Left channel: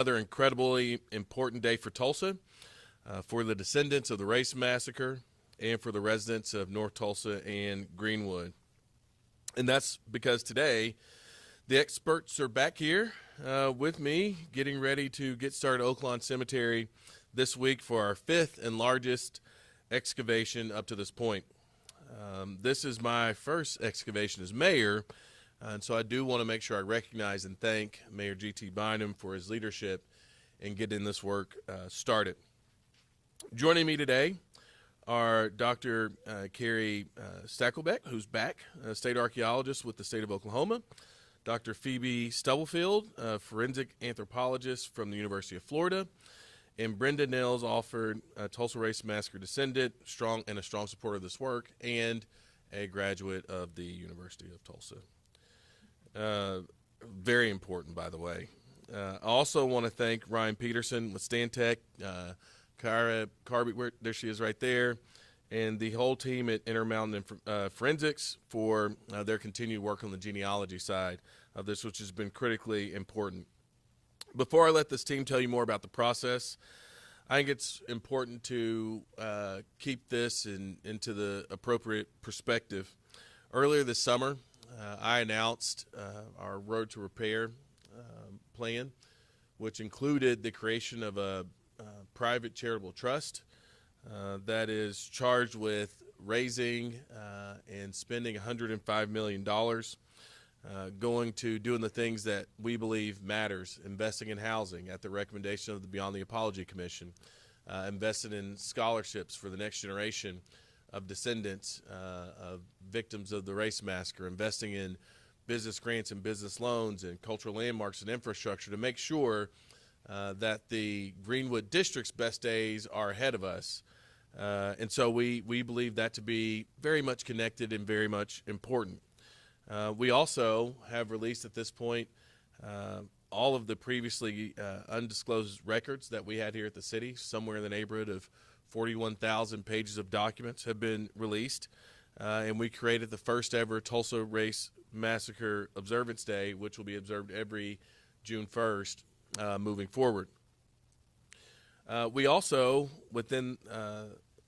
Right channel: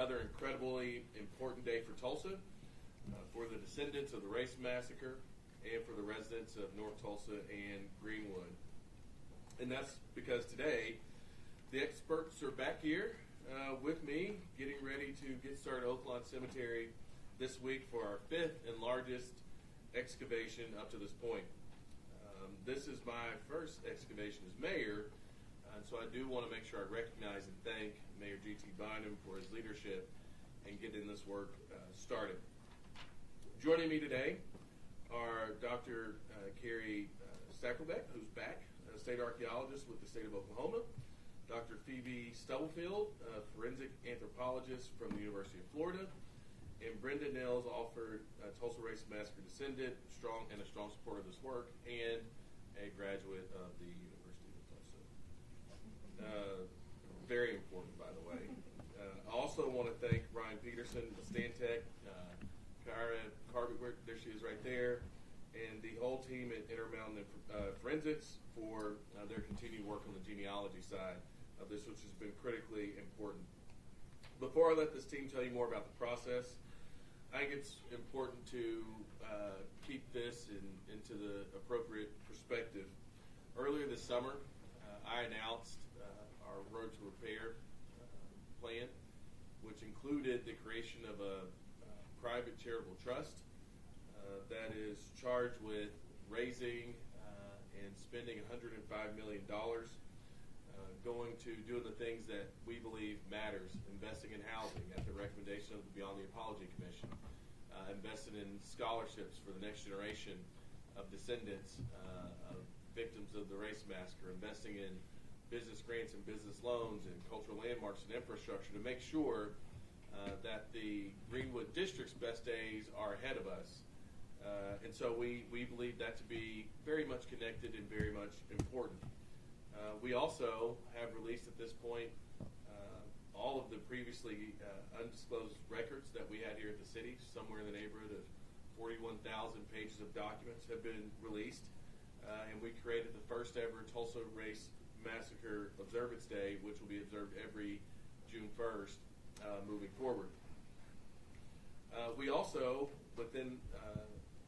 Another incredibly important day for Tulsa, for the descendants of the Race Massacre, and for the residents of North Tulsa and Greenwood. And that's because today the experts are back here with me, getting ready to get started at Oaklawn Cemetery this week for our fifth and largest excavation up to this point. This is my first excavation as mayor, and so I do want to make sure I recognize and thank Mayor G.T. Bynum for his leadership in getting this work started. Joining me today are Dr. Carrie Stacklebeck, who's back, a state archaeologist with the state of Oklahoma, Dr. Phoebe Stubblefield, a forensic anthropologist from the University of Florida, and Brenda Nils, Alford, a Tulsa Race Massacre descendant, and a strong supporter of this work, and a graduate of the University of Tulsa. Very important, by the way. I also want to thank Ryan Peterson with Stantec, Kyra Carby, there she is right there, and the whole team at Intermountain Forensics for their continued work on the genealogy side of this, which has been critically important. Before I let this team tell you more about the process, I think it's important to keep this into the appropriate perspective. Earlier this summer, I announced our Road to Repair plan, which included the creation of a private charitable trust that is charged with raising and spending $105 million going to doing the things that we believe matters, investing in housing at the recommendation of the Beyond the Apology Commission, investing in scholarships for the next generation of descendants of victims of the Race Massacre, investing in business grants and business loans and cultural landmarks and infrastructure to make sure that the Greenwood District's best days are ahead of us. And so we believe that to be very much connected and very much important. We also have released at this point all of the previously undisclosed records that we had here at the city. Somewhere in the neighborhood of 41,000 pages of documents have been released. And we created the first ever Tulsa Race Massacre Observance Day, which will be observed every June 1st moving forward. We also, within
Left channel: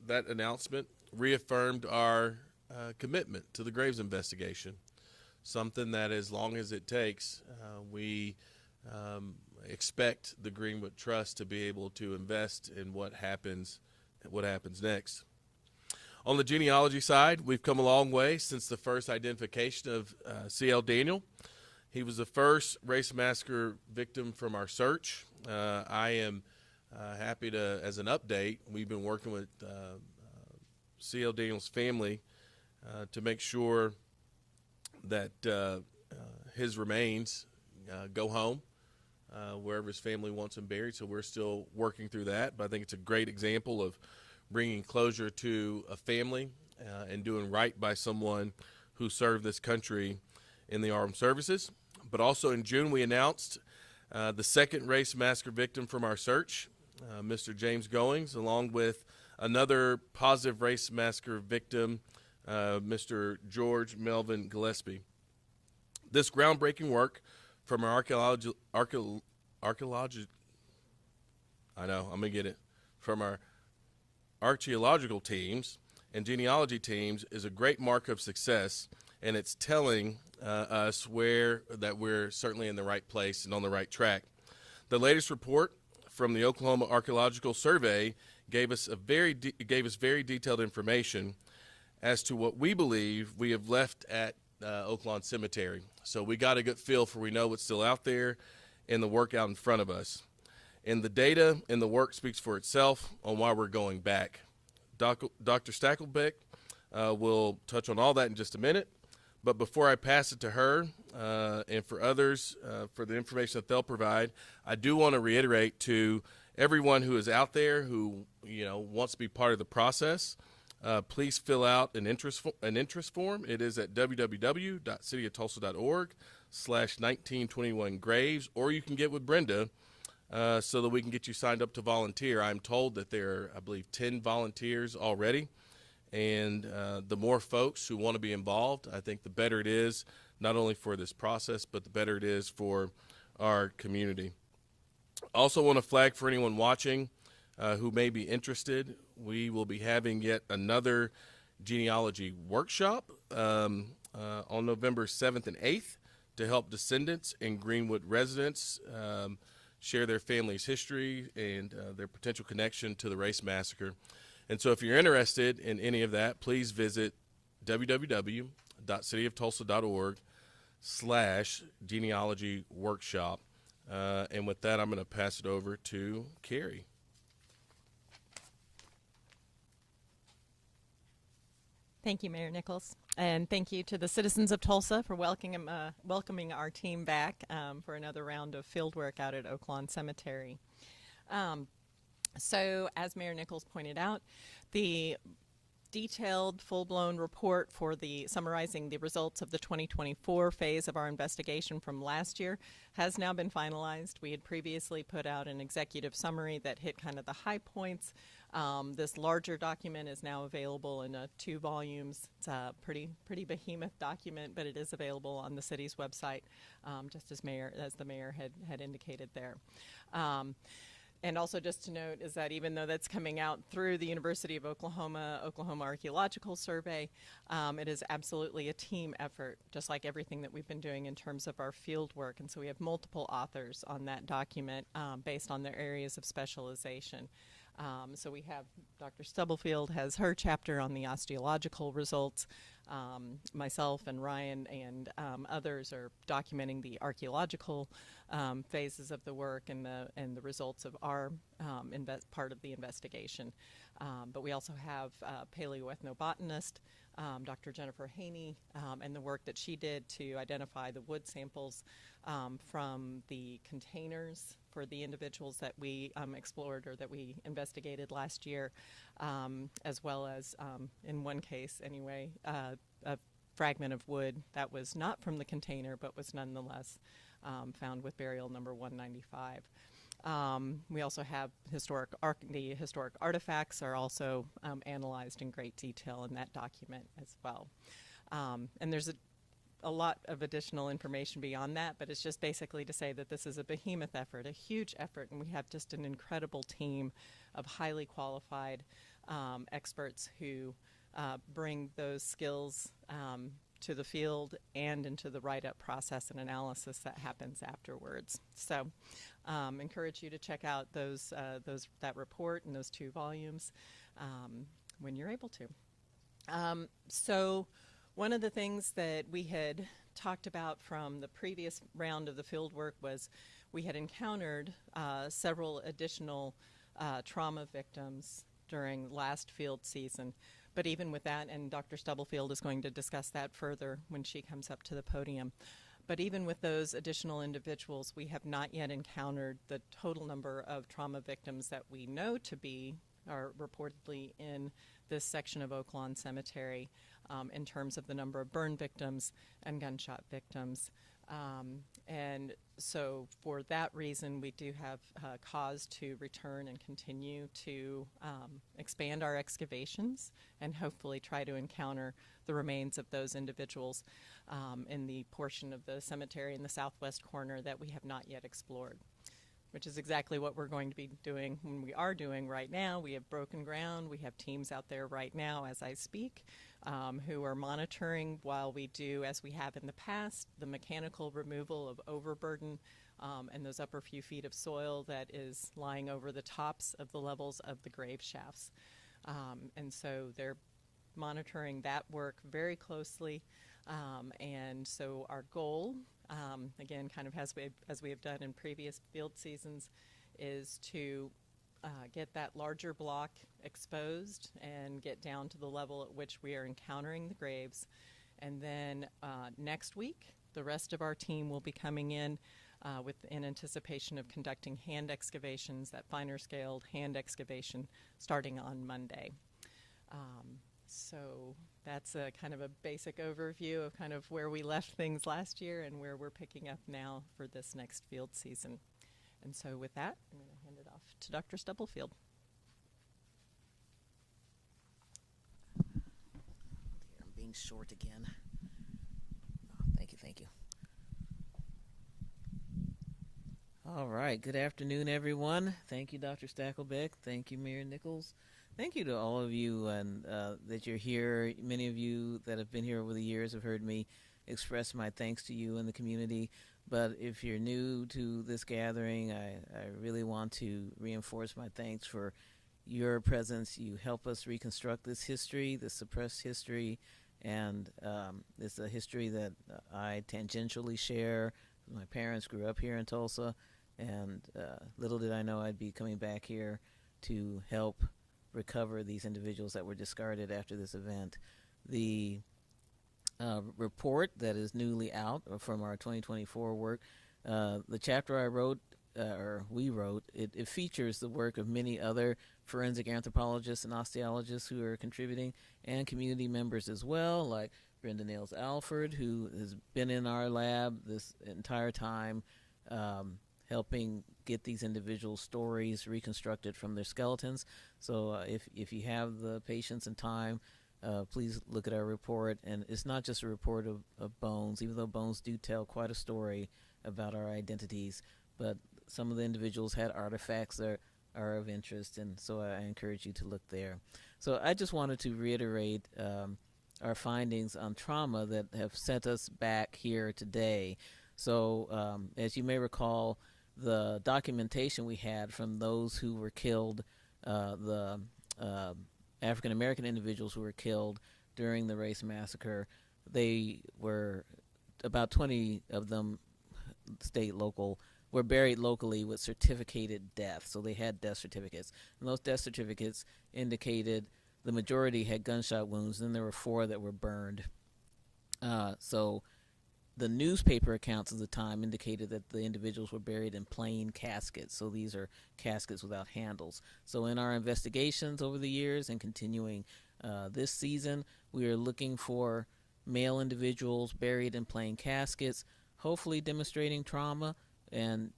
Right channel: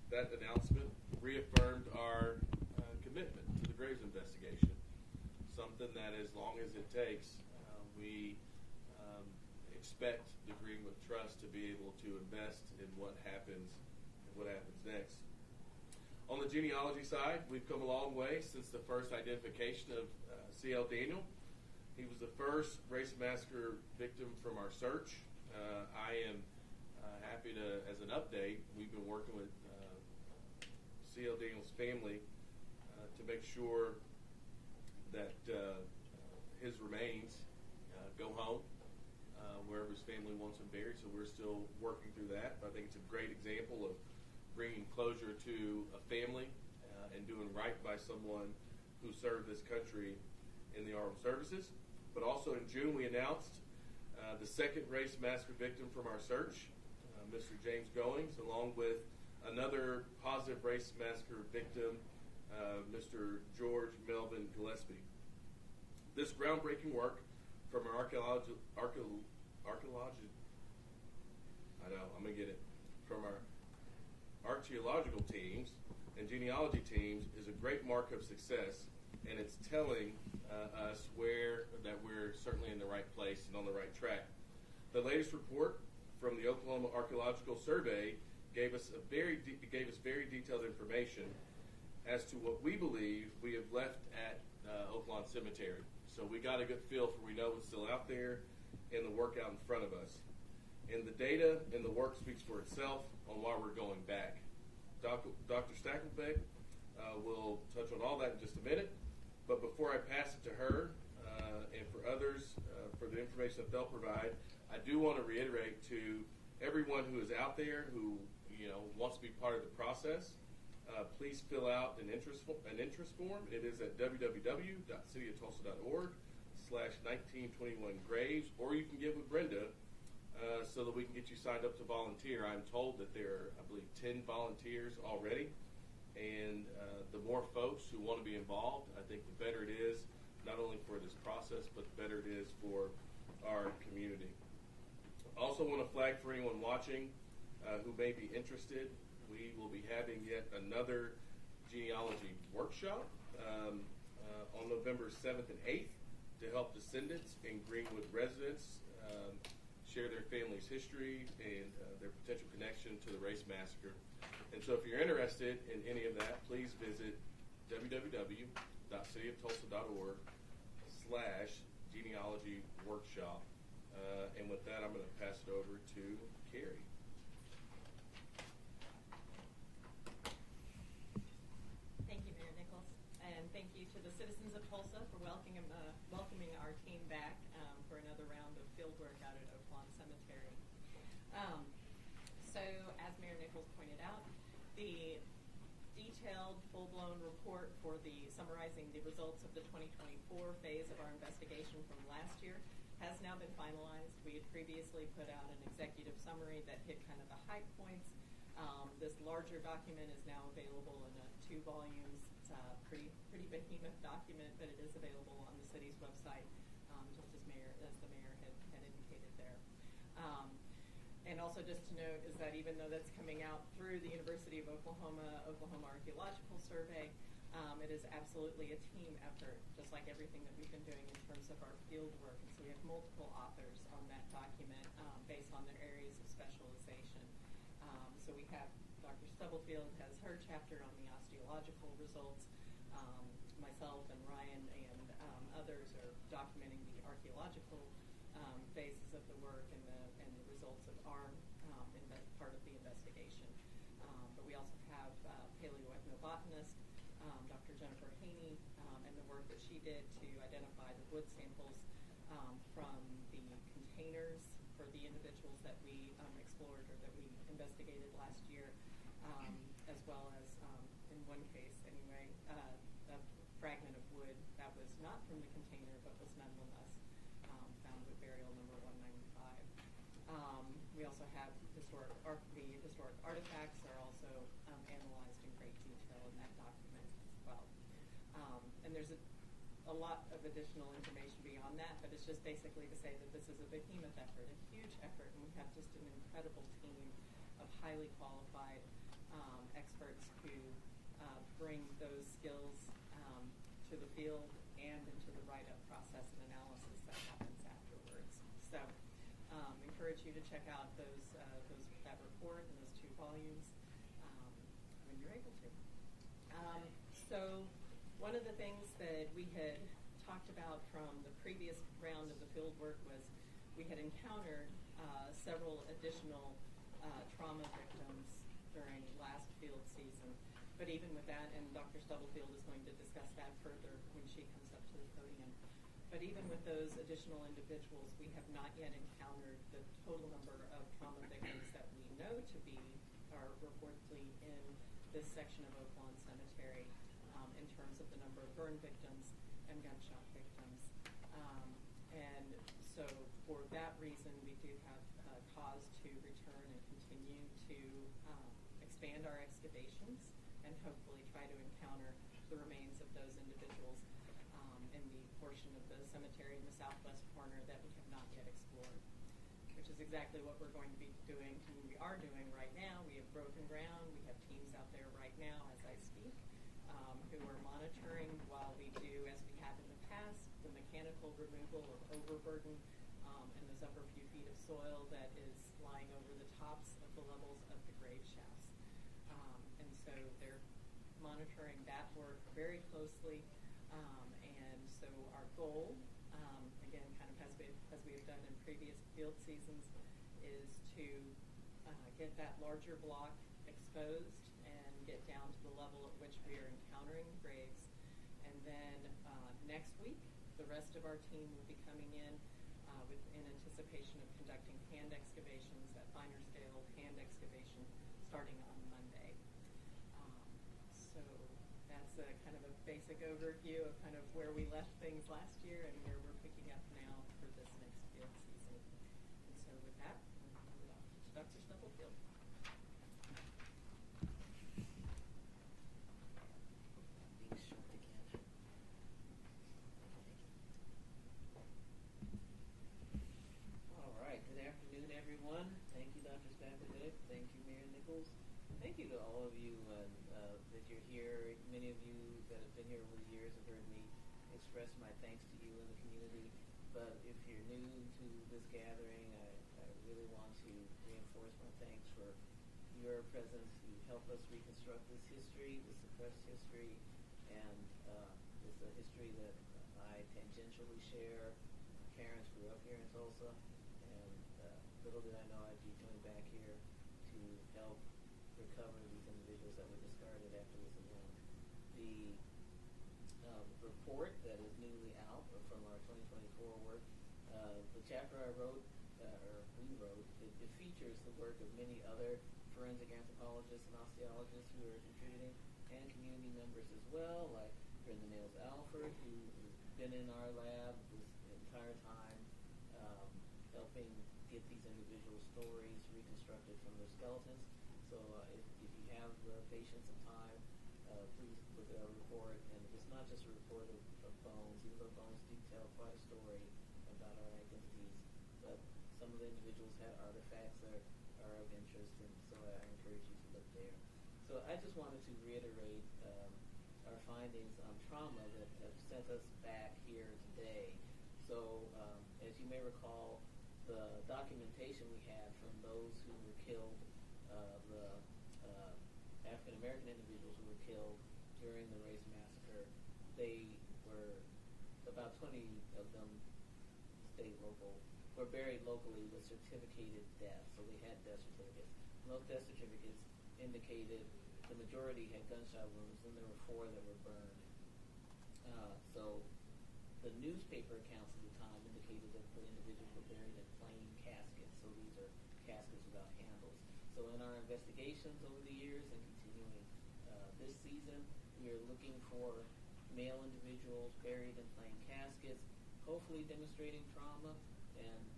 that announcement, reaffirmed our commitment to the Graves investigation, something that as long as it takes, we expect the Greenwood Trust to be able to invest in what happens next. On the genealogy side, we've come a long way since the first identification of C.L. Daniel. He was the first Race Massacre victim from our search. I am happy to, as an update, we've been working with C.L. Daniel's family to make sure that his remains go home wherever his family wants him buried. So we're still working through that, but I think it's a great example of bringing closure to a family and doing right by someone who served this country in the armed services. But also in June, we announced the second Race Massacre victim from our search, Mr. James Goings, along with another positive Race Massacre victim, Mr. George Melvin Gillispie. This groundbreaking work from our archaeological teams and genealogy teams is a great mark of success, and it's telling us that we're certainly in the right place and on the right track. The latest report from the Oklahoma Archaeological Survey gave us very detailed information as to what we believe we have left at Oaklawn Cemetery. So we got a good feel for we know what's still out there and the work out in front of us. And the data and the work speaks for itself on why we're going back. Dr. Stacklebeck will touch on all that in just a minute. But before I pass it to her and for others for the information that they'll provide, I do want to reiterate to everyone who is out there who wants to be part of the process, please fill out an interest form. It is at www.cityoftulsa.org/1921 Graves, or you can get with Brenda so that we can get you signed up to volunteer. I'm told that there are, I believe, 10 volunteers already, and the more folks who want to be involved, I think the better it is, not only for this process, but the better it is for our community. Also want to flag for anyone watching who may be interested, we will be having yet another genealogy workshop on November 7th and 8th to help descendants and Greenwood residents share their family's history and their potential connection to the Race Massacre. And so if you're interested in any of that, please visit www.cityoftulsa.org/genealogy workshop. And with that, I'm going to pass it over to Carrie. Thank you, Mayor Nichols. And thank you to the citizens of Tulsa for welcoming our team back for another round of field work out at Oaklawn Cemetery. So, as Mayor Nichols pointed out, the detailed, full-blown report for summarizing the results of the 2024 phase of our investigation from last year has now been finalized. We had previously put out an executive summary that hit kind of the high points. This larger document is now available in 2 volumes. It's a pretty behemoth document, but it is available on the city's website, just as the mayor had indicated there. And also just to note is that even though that's coming out through the University of Oklahoma Archaeological Survey, it is absolutely a team effort, just like everything that we've been doing in terms of our field work. And so we have multiple authors on that document based on their areas of specialization. So we have Dr. Stubblefield has her chapter on the osteological results. Myself and Ryan and others are documenting the archaeological phases of the work and the results of our part of the investigation. But we also have paleoethnobotanist Dr. Jennifer Haney and the work that she did to identify the wood samples from the containers for the individuals that we explored or that we investigated last year, as well as, in one case anyway, a fragment of wood that was not from the container but was nonetheless found with burial number 195. We also have the historic artifacts are also analyzed in great detail in that document as well. And there's a lot of additional information beyond that, but it's just basically to say that this is a behemoth effort, a huge effort, and we have just an incredible team of highly qualified experts who bring those skills to the field and into the write-up process and analysis that happens afterwards. So encourage you to check out that report and those 2 volumes when you're able to. So one of the things that we had talked about from the previous round of the field work was we had encountered several additional trauma victims during last field season. But even with that, and Dr. Stubblefield is going to discuss that further when she comes up to the podium, but even with those additional individuals, we have not yet encountered the total number of trauma victims that we know are reportedly in this section of Oaklawn Cemetery in terms of the number of burn victims and gunshot victims. And so for that reason, we do have cause to return and continue to expand our excavations and hopefully try to encounter the remains of those individuals in the portion of the cemetery in the southwest corner that we have not yet explored, which is exactly what we're going to be doing and we are doing right now. We have broken ground. We have teams out there right now as I speak who are monitoring while we do, as we have in the past, the mechanical removal of overburden and those upper few feet of soil that is lying over the tops of the levels of the grave shafts. And so they're monitoring that work very closely. And so our goal, again, kind of as we have done in previous field seasons, is to get that larger block exposed and get down to the level at which we are encountering the graves. And then next week, the rest of our team will be coming in in anticipation of conducting hand excavations, that finer scaled hand excavation, starting on Monday. So that's a kind of a basic overview of kind of where we left things last year and where we're picking up now for this next field season. And so with that, I'm going to hand it off to Dr. Stubblefield. Being short again. Thank you. All right. Good afternoon, everyone. Thank you, Dr. Stackelbeck. Thank you, Mayor Nichols. Thank you to all of you and that you're here. Many of you that have been here over the years have heard me express my thanks to you and the community. But if you're new to this gathering, I really want to reinforce my thanks for your presence. You help us reconstruct this history, this suppressed history, and it's a history that I tangentially share. My parents grew up here in Tulsa, and little did I know I'd be coming back here to help recover these individuals that were discarded after this event. The report that is newly out from our 2024 work, the chapter I wrote, or we wrote, it features the work of many other forensic anthropologists and osteologists who are contributing, and community members as well, like Brenda Nails Alford, who has been in our lab this entire time, helping get these individual stories reconstructed from their skeletons. So if you have the patience and time, please look at our report. And it's not just a report of bones, even though bones do tell quite a story about our identities, but some of the individuals had artifacts that are of interest, and so I encourage you to look there. So I just wanted to reiterate our findings on trauma that have sent us back here today. So as you may recall, the documentation we had from those who were killed, the African American individuals who were killed during the race massacre, they were about 20 of them, state, local, were buried locally with certificated death. So they had death certificates, and those death certificates indicated the majority had gunshot wounds, and there were 4 that were burned. So the newspaper accounts of the time indicated that the individuals were buried in plain caskets. So these are caskets without handles. So in our investigations over the years and continuing this season, we are looking for male individuals buried in plain caskets, hopefully demonstrating trauma and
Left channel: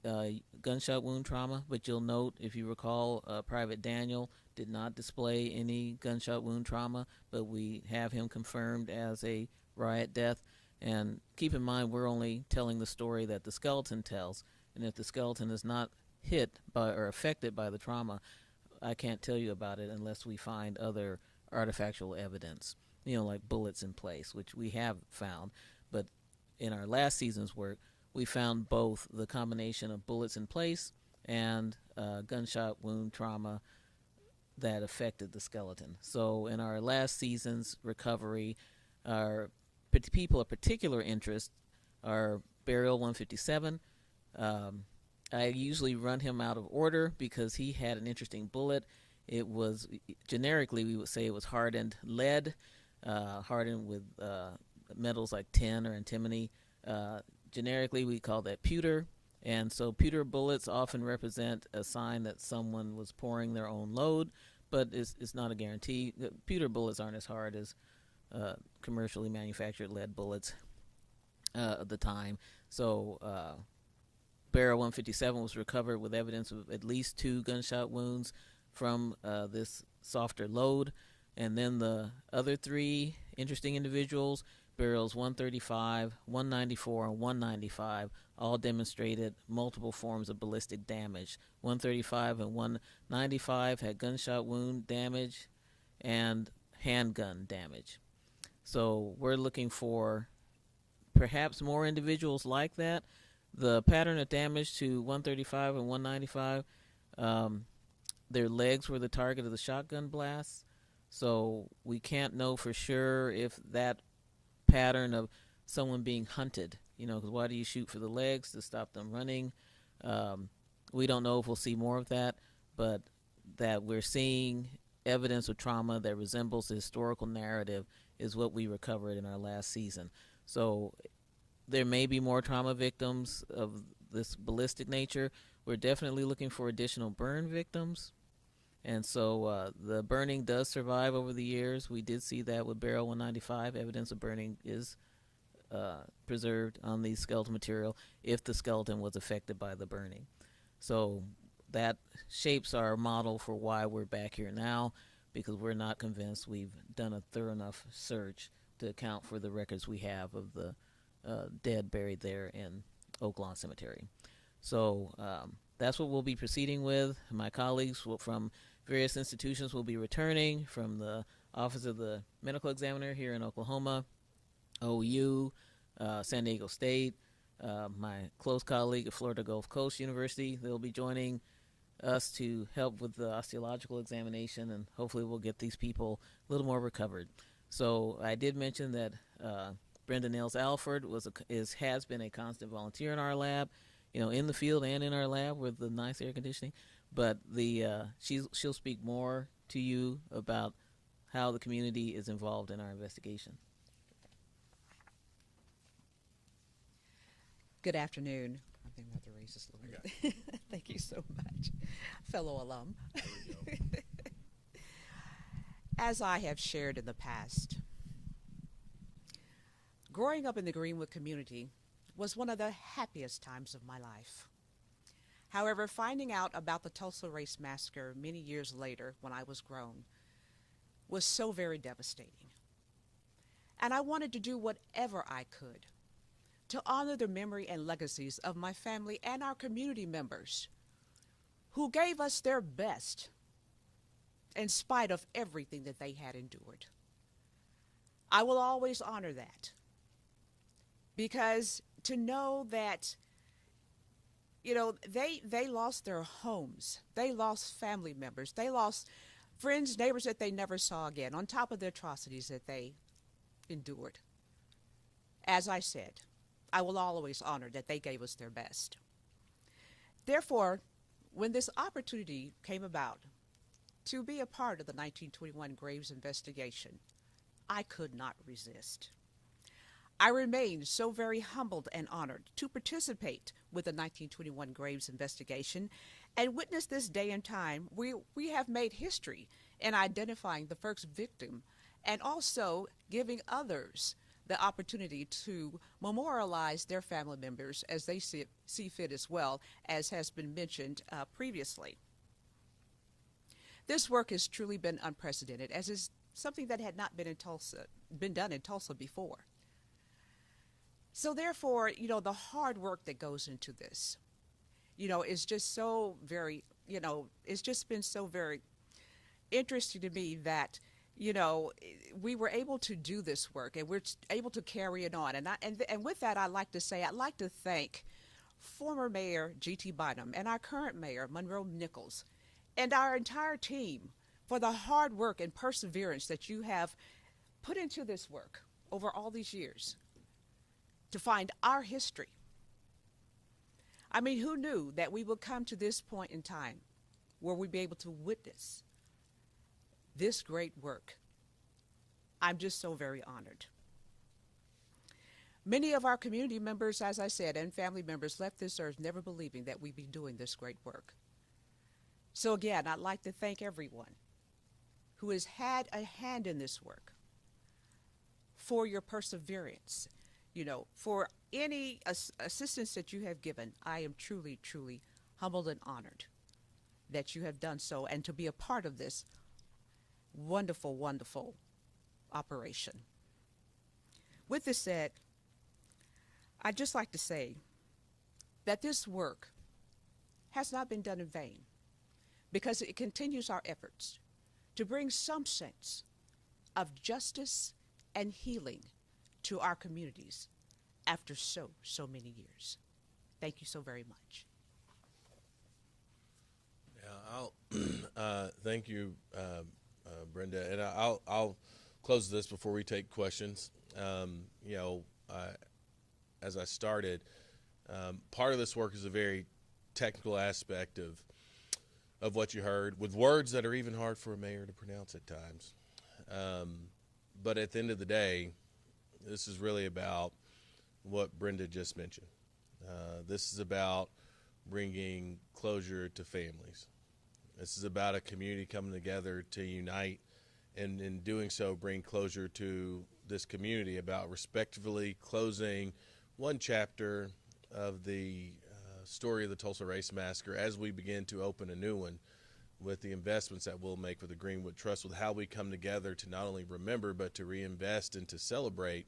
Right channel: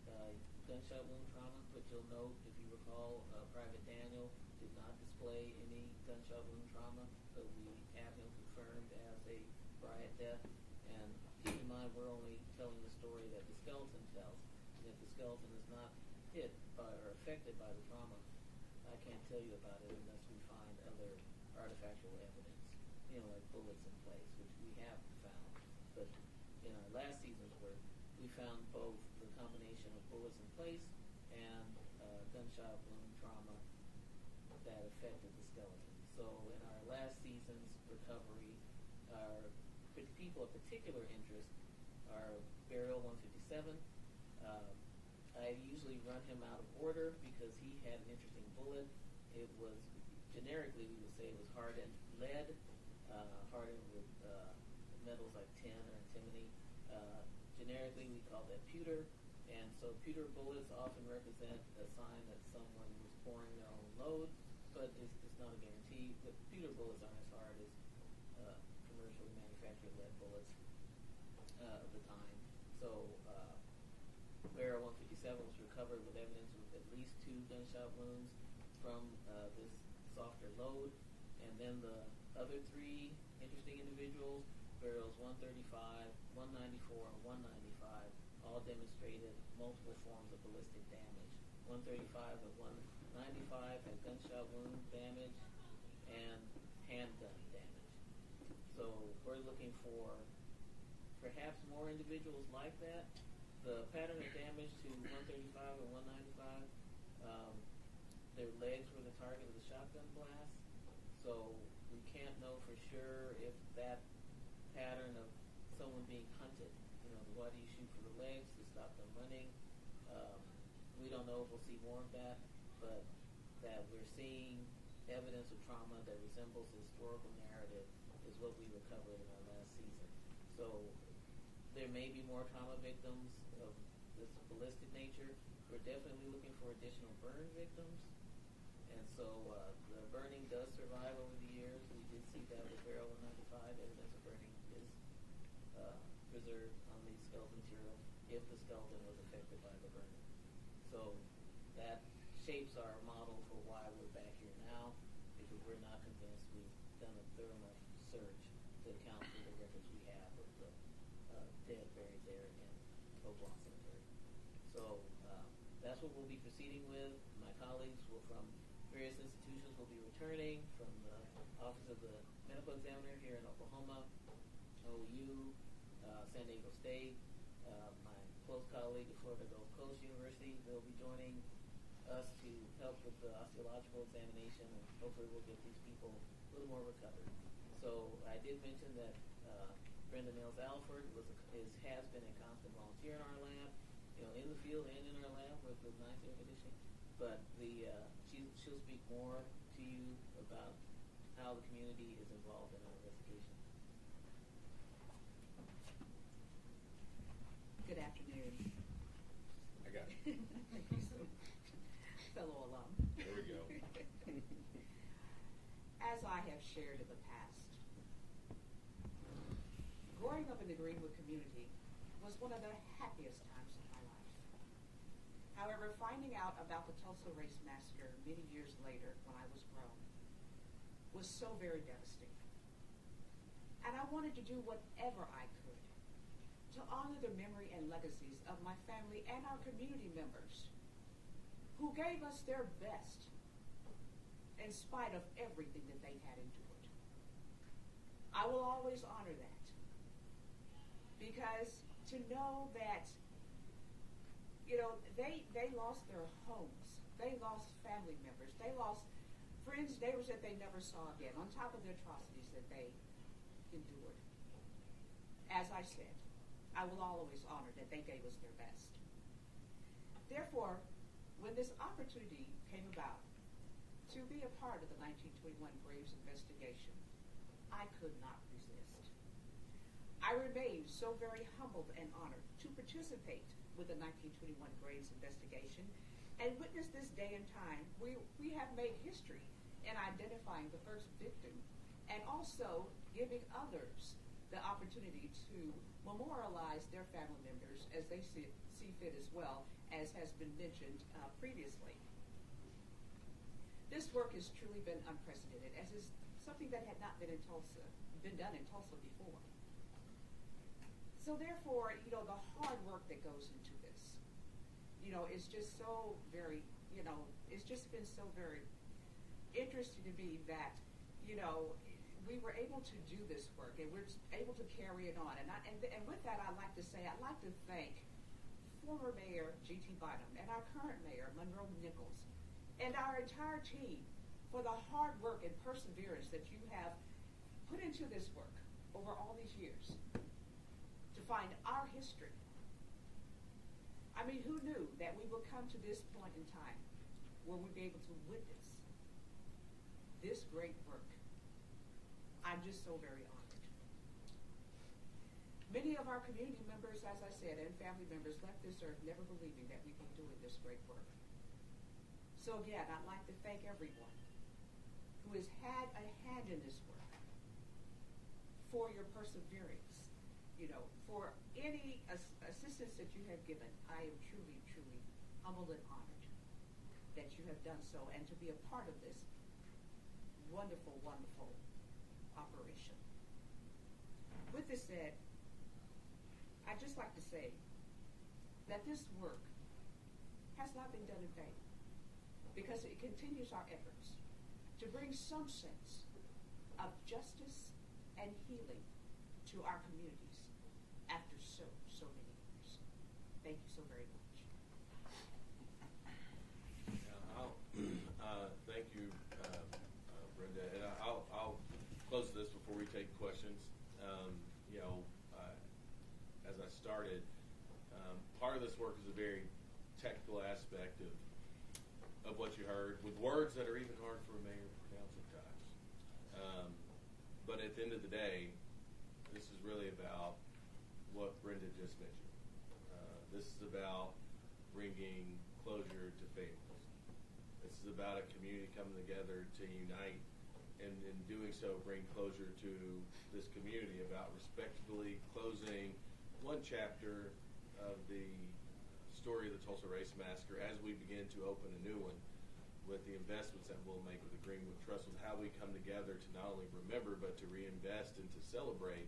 gunshot wound trauma. But you'll note, if you recall, Private Daniel did not display any gunshot wound trauma, but we have him confirmed as a riot death. And keep in mind, we're only telling the story that the skeleton tells, and if the skeleton is not hit by or affected by the trauma, I can't tell you about it unless we find other artifactual evidence, like bullets in place, which we have found. But in our last season's work, we found both the combination of bullets in place and gunshot wound trauma that affected the skeleton. So in our last season's recovery, our people of particular interest are Burial 157. I usually run him out of order because he had an interesting bullet. It was, generically, we would say it was hardened lead, hardened with metals like tin or antimony. Generically, we call that pewter. And so pewter bullets often represent a sign that someone was pouring their own load, but it's not a guarantee. The pewter bullets aren't as hard as commercially manufactured lead bullets at the time. So Barrel 157 was recovered with evidence of at least 2 gunshot wounds from this softer load. And then the other 3 interesting individuals, barrels 135, 194, and 195, all demonstrated multiple forms of ballistic damage. 135 and 195 had gunshot wound damage and handgun damage. So we're looking for perhaps more individuals like that. The pattern of damage to 135 and 195, their legs were the target of the shotgun blasts. So we can't know for sure if that pattern of someone being hunted, because why do you shoot for the legs? To stop them running. We don't know if we'll see more of that, but that we're seeing evidence of trauma that resembles the historical narrative is what we recovered in our last season. So there may be more trauma victims of this ballistic nature. We're definitely looking for additional burn victims. And so the burning does survive over the years. We did see that with Barrel 195. Evidence of burning is preserved on the skeletal material if the skeleton was affected by the burning. So that shapes our model for why we're back here now, because we're not convinced we've done a thorough enough search to account for the records we have of the dead buried there in Oaklawn Cemetery. So that's what we'll be proceeding with. My colleagues from various institutions will be returning from the Office of the Medical Examiner here in Oklahoma, OU, San Diego State, my close colleague at Florida Gulf Coast University. They'll be joining us to help with the osteological examination, and hopefully we'll get these people a little more recovered. So I did mention that Brenda Nails Alford has been a constant volunteer in our lab, in the field and in our lab with the nice air conditioning. But she'll speak more to you about how the community is involved in our investigation. Good afternoon. Thank you so much, fellow alum. As I have shared in the past, growing up in the Greenwood community was one of the happiest times of my life. However, finding out about the Tulsa Race Massacre many years later when I was grown was so very devastating. And I wanted to do whatever I could to honor the memory and legacies of my family and our community members who gave us their best in spite of everything that they had endured. I will always honor that, because to know that, they lost their homes, they lost family members, they lost friends, neighbors that they never saw again, on top of the atrocities that they endured. As I said, I will always honor that they gave us their best. Therefore, when this opportunity came about to be a part of the 1921 Graves investigation, I could not resist. I remained so very humbled and honored to participate with the 1921 Graves investigation and witness this day and time where we have made history in identifying the first victim and also giving others the opportunity to memorialize their family members as they see fit, as well, as has been mentioned previously. This work has truly been unprecedented, as is something that had not been done in Tulsa before. So therefore, the hard work that goes into this, is just so very, it's just been so very interesting to me that, we were able to do this work and we're able to carry it on. And with that, I'd like to thank former Mayor G.T. Bynum and our current Mayor Monroe Nichols and our entire team for the hard work and perseverance that you have put into this work over all these years to find our history. I mean, who knew that we would come to this point in time where we'd be able to witness this great work? I'm just so very honored. Many of our community members, as I said, and family members left this earth never believing that we'd be doing this great work. So again, I'd like to thank everyone who has had a hand in this work for your perseverance, for any assistance that you have given. I am truly, truly humbled and honored that you have done so and to be a part of this wonderful, wonderful operation. With this said, I'd just like to say that this work has not been done in vain, because it continues our efforts to bring some sense of justice and healing to our communities after so many years. Thank you so very much. Thank you, Brenda, and I'll close this before we take questions. As I started, part of this work is a very technical aspect of what you heard, with words that are even hard for a mayor to pronounce at times. But at the end of the day, this is really about what Brenda just mentioned. This is about bringing closure to families. This is about a community coming together to unite, and in doing so, bring closure to this community, about respectfully closing one chapter of the story of the Tulsa Race Massacre as we begin to open a new one with the investments that we'll make with the Greenwood Trust, with how we come together to not only remember but to reinvest and to celebrate.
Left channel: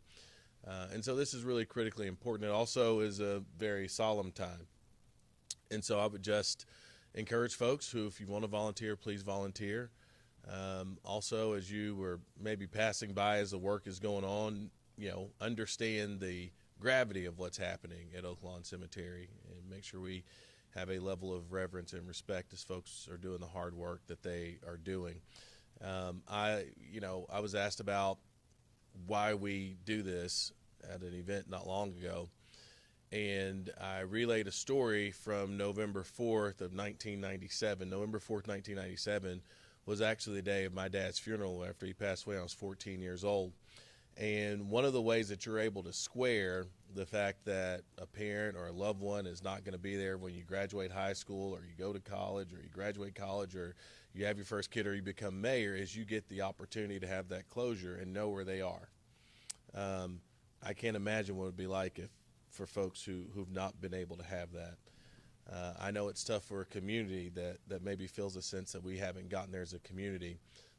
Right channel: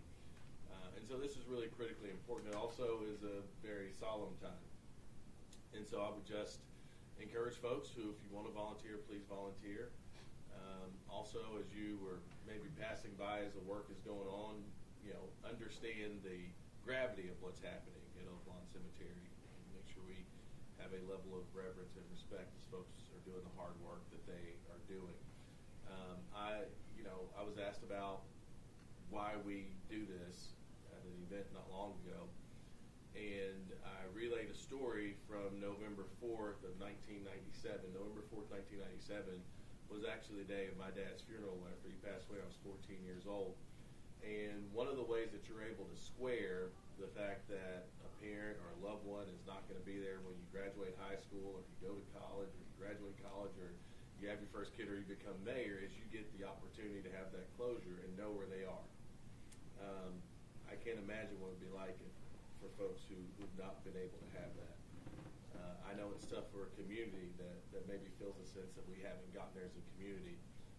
And so this is really critically important. It also is a very solemn time. And so I would just encourage folks who, if you want to volunteer, please volunteer. Also, as you were maybe passing by as the work is going on, understand the gravity of what's happening at Oaklawn Cemetery, and make sure we have a level of reverence and respect as folks are doing the hard work that they are doing. I was asked about why we do this at an event not long ago, and I relayed a story from November 4th of 1997. November 4th, 1997 was actually the day of my dad's funeral after he passed away. I was 14 years old. And one of the ways that you're able to square the fact that a parent or a loved one is not going to be there when you graduate high school, or you go to college, or you graduate college, or you have your first kid, or you become mayor, is you get the opportunity to have that closure and know where they are. I can't imagine what it would be like for folks who've not been able to have that. I know it's tough for a community that maybe feels a sense that we haven't gotten there as a community.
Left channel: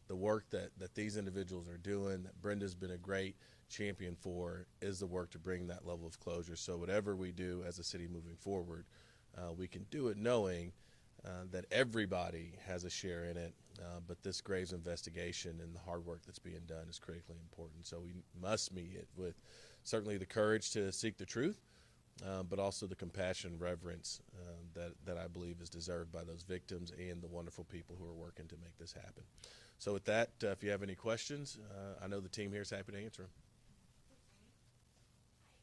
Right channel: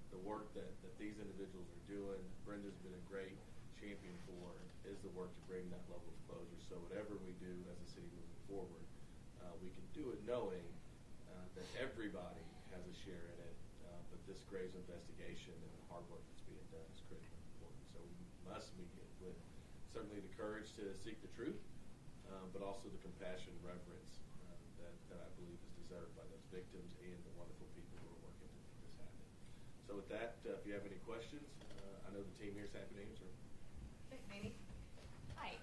The work that these individuals are doing, that Brenda's been a great champion for, is the work to bring that level of closure. So whatever we do as a city moving forward, we can do it knowing that everybody has a share in it, but this Graves investigation and the hard work that's being done is critically important. So we must meet it with certainly the courage to seek the truth, but also the compassion, reverence that I believe is deserved by those victims and the wonderful people who are working to make this happen. So with that, if you have any questions, I know the team here is happy to answer them. Thanks, Amy. Hi.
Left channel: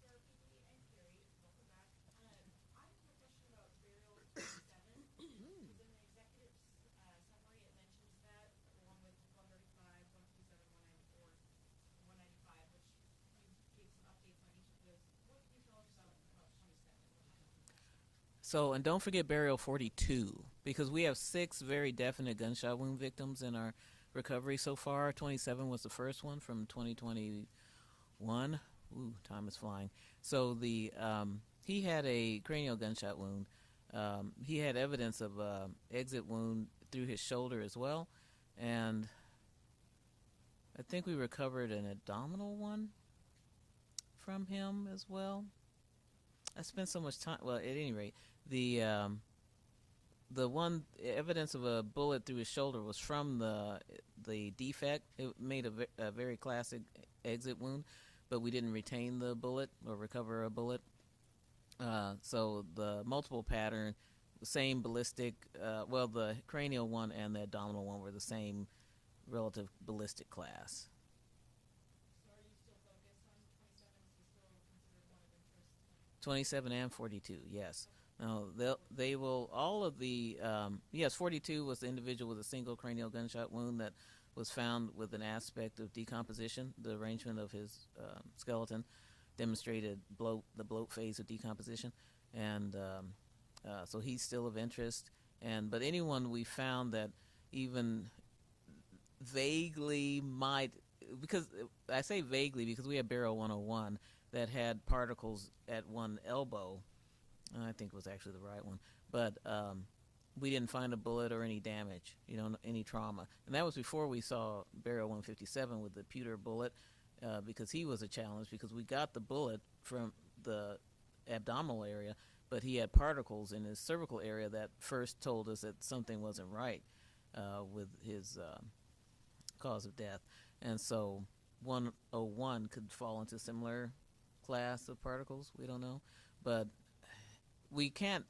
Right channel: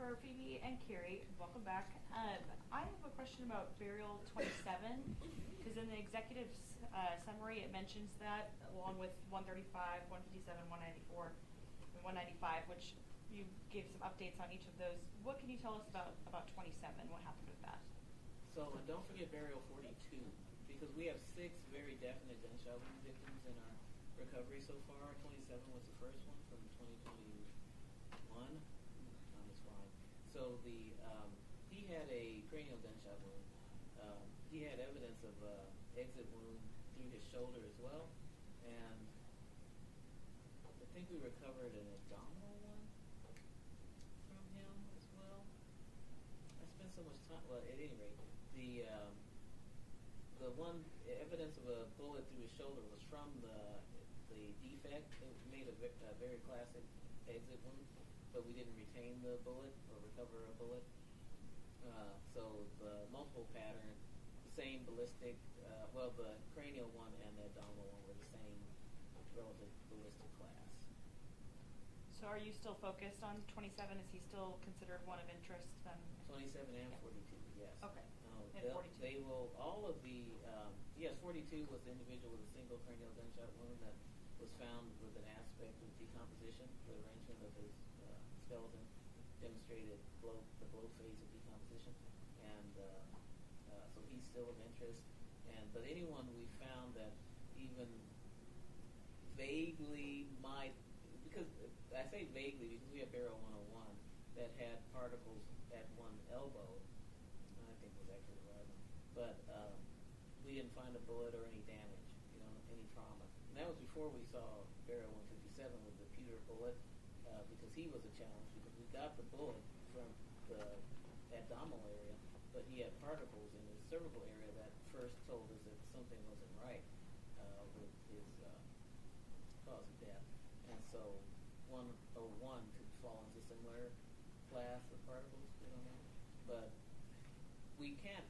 For Phoebe and Carrie, welcome back. I have a question about burial 27, because in the executive summary it mentions that, along with 135, 157, 194, and 195, which you gave some updates on each of those. What can you tell us about 27? What happened with that? So, and don't forget burial 42, because we have 6 very definite gunshot wound victims in our recovery so far. 27 was the first one from 2021. Ooh, time is flying. So he had a cranial gunshot wound. He had evidence of exit wound through his shoulder as well, and I think we recovered an abdominal one from him as well. I spent so much time. Well, at any rate, the one evidence of a bullet through his shoulder was from the defect. It made a very classic exit wound, but we didn't retain the bullet or recover a bullet. So the multiple pattern, the same ballistic. Well, the cranial one and the abdominal one were the same relative ballistic class. So are you still focused on 27? Is he still considered one of interest? 27 and 42, yes. Okay. No, they will, all of the, yes, 42 was the individual with a single cranial gunshot wound that was found with an aspect of decomposition. The arrangement of his skeleton demonstrated the bloat phase of decomposition, and so he's still of interest. But anyone we found that even vaguely might, because I say vaguely because we have burial 101 that had particles at one elbow. I think it was actually the right one, but we didn't find a bullet or any damage, any trauma. And that was before we saw burial 157 with the pewter bullet, because he was a challenge, because we got the bullet from the abdominal area, but he had particles in his cervical area that first told us that something wasn't right with his cause of death. And so 101 could fall into similar class of particles. We don't know, but we can't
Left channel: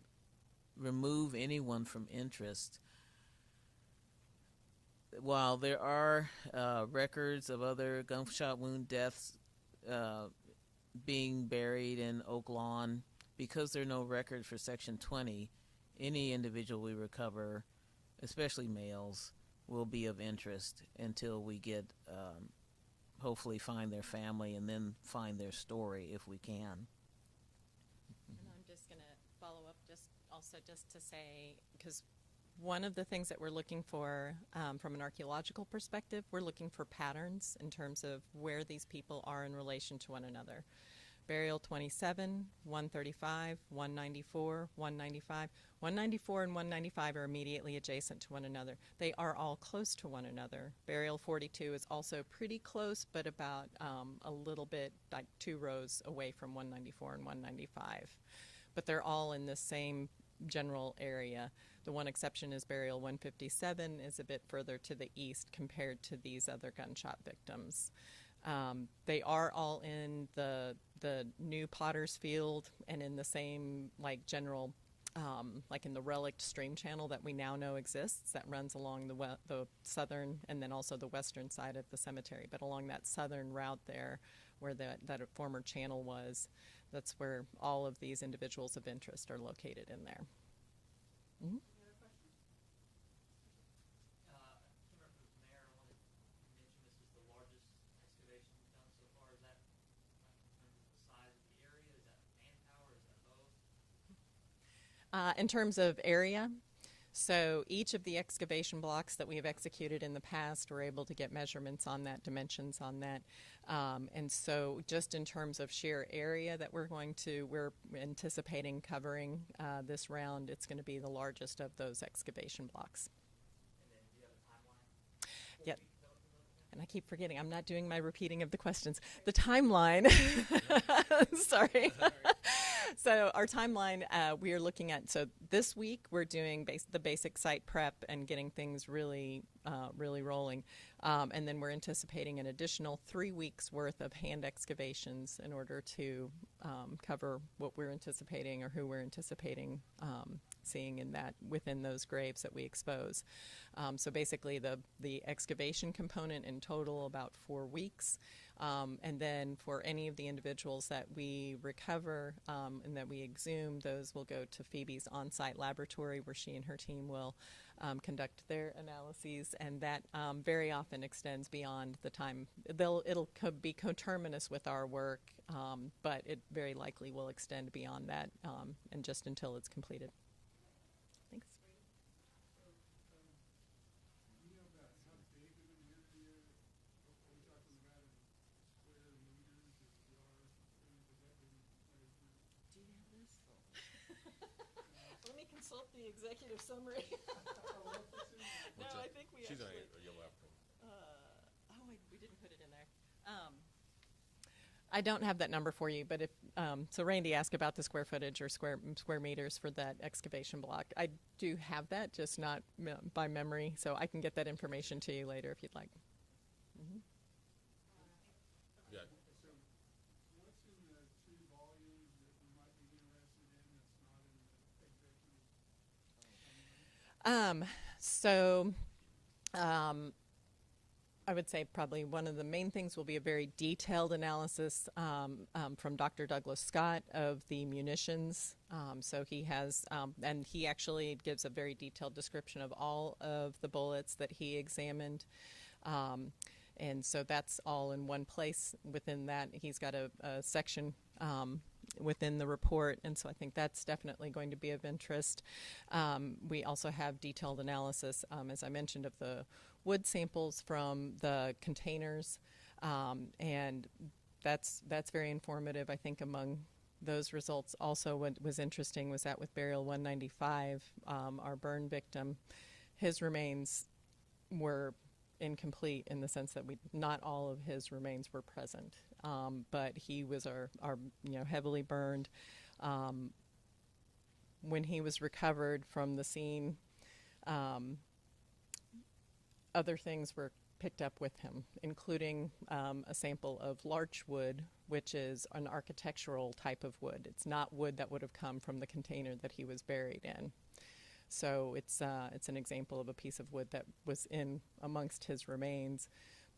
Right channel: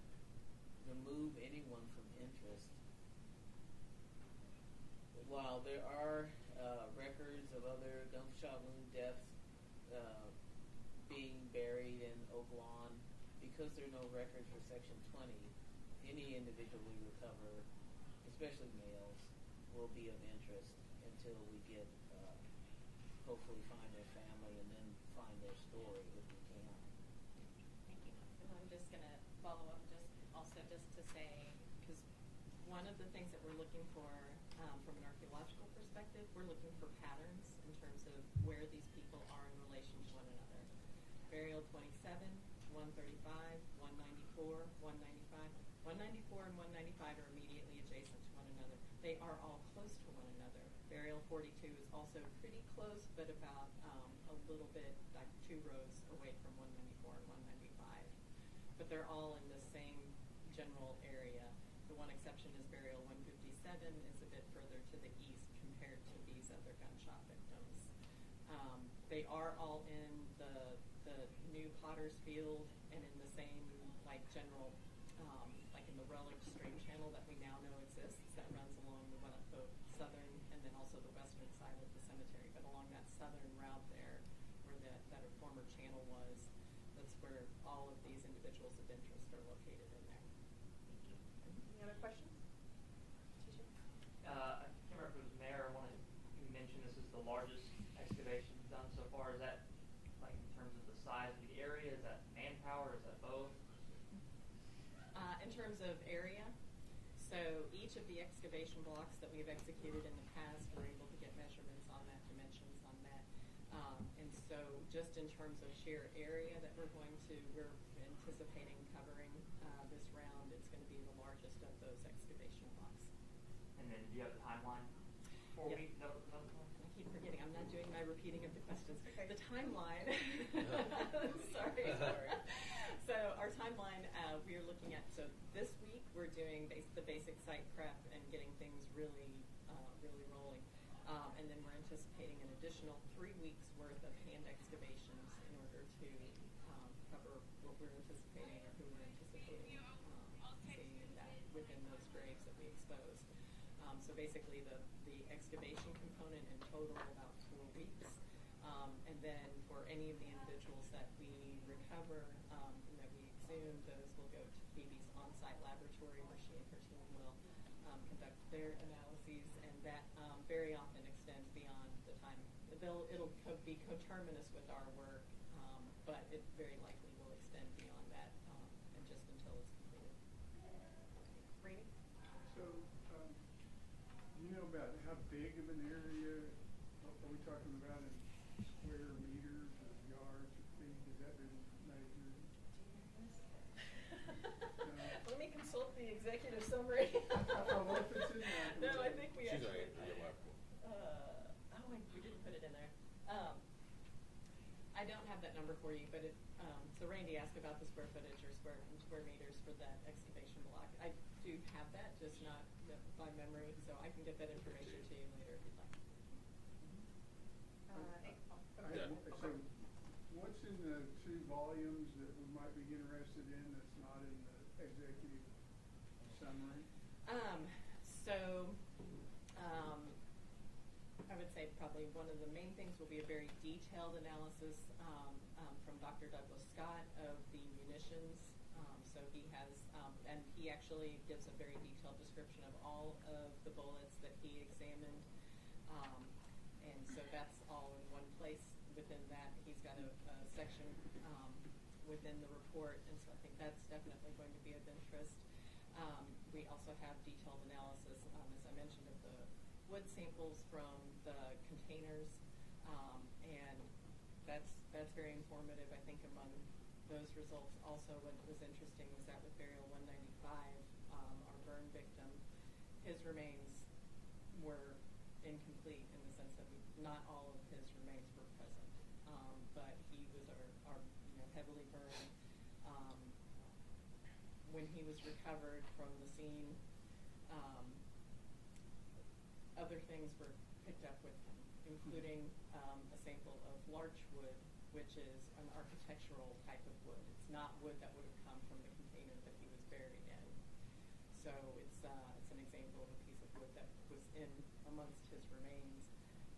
remove anyone from interest. While there are records of other gunshot wound deaths being buried in Oaklawn, because there are no records for Section 20, any individual we recover, especially males, will be of interest until we get hopefully find their family and then find their story if we can. And I'm just going to follow up just to say, because one of the things that we're looking for from an archaeological perspective, we're looking for patterns in terms of where these people are in relation to one another. Burial 27, 135, 194, 195. 194 and 195 are immediately adjacent to one another. They are all close to one another. Burial 42 is also pretty close, but about a little bit, like 2 rows away from 194 and 195. But they're all in the same general area. The one exception is burial 157 is a bit further to the east compared to these other gunshot victims. They are all in the new Potter's Field and in the same like general, like in the relict stream channel that we now know exists that runs along the southern and then also the western side of the cemetery. But along that southern route there, where that former channel was, that's where all of these individuals of interest are located in there. Mm-hmm. Any other questions? I can't remember if it was Mayor. You mentioned this is the largest excavation done so far. Is that like in terms of the size of the area? Is that manpower? Is that both? In terms of area, so each of the excavation blocks that we have executed in the past, we're able to get measurements on that, dimensions on that. And so just in terms of sheer area that we're anticipating covering this round, it's going to be the largest of those excavation blocks. And then do you have a timeline? Yep. And I keep forgetting, I'm not doing my repeating of the questions. The timeline, sorry. So our timeline, we are looking at, so this week we're doing the basic site prep and getting things really rolling. And then we're anticipating an additional 3 weeks worth of hand excavations in order to cover what we're anticipating or who we're anticipating seeing within those graves that we expose. So basically the excavation component in total about 4 weeks. And then for any of the individuals that we recover and that we exhume, those will go to Phoebe's on-site laboratory where she and her team will conduct their analyses, and that very often extends beyond the time. It'll be coterminous with our work, but it very likely will extend beyond that and just until it's completed. Thanks. Brady? So, you know about how big of an area are we talking about in square meters or yards or feet? Has that been measured? Let me consult the executive summary. No, I think we actually. We didn't put it in there. I don't have that number for you, but if so, Randy asked about the square footage or square meters for that excavation block. I do have that, just not by memory, so I can get that information to you later if you'd like. So, what's in the 2 volumes that we might be interested in that's not in the executive summary? I would say probably one of the main things will be a very detailed analysis from Dr. Douglas Scott of the munitions. So he has, and he actually gives a very detailed description of all of the bullets that he examined. And so that's all in one place. Within that, he's got a section within the report, and so I think that's definitely going to be of interest. We also have detailed analysis, as I mentioned, of the wood samples from the containers, and that's very informative. I think among those results also what was interesting was that with burial 195, our burn victim, his remains were incomplete in the sense that not all of his remains were present, but he was our heavily burned. When he was recovered from the scene, other things were picked up with him, including a sample of larch wood, which is an architectural type of wood. It's not wood that would have come from the container that he was buried in. So it's an example of a piece of wood that was in amongst his remains,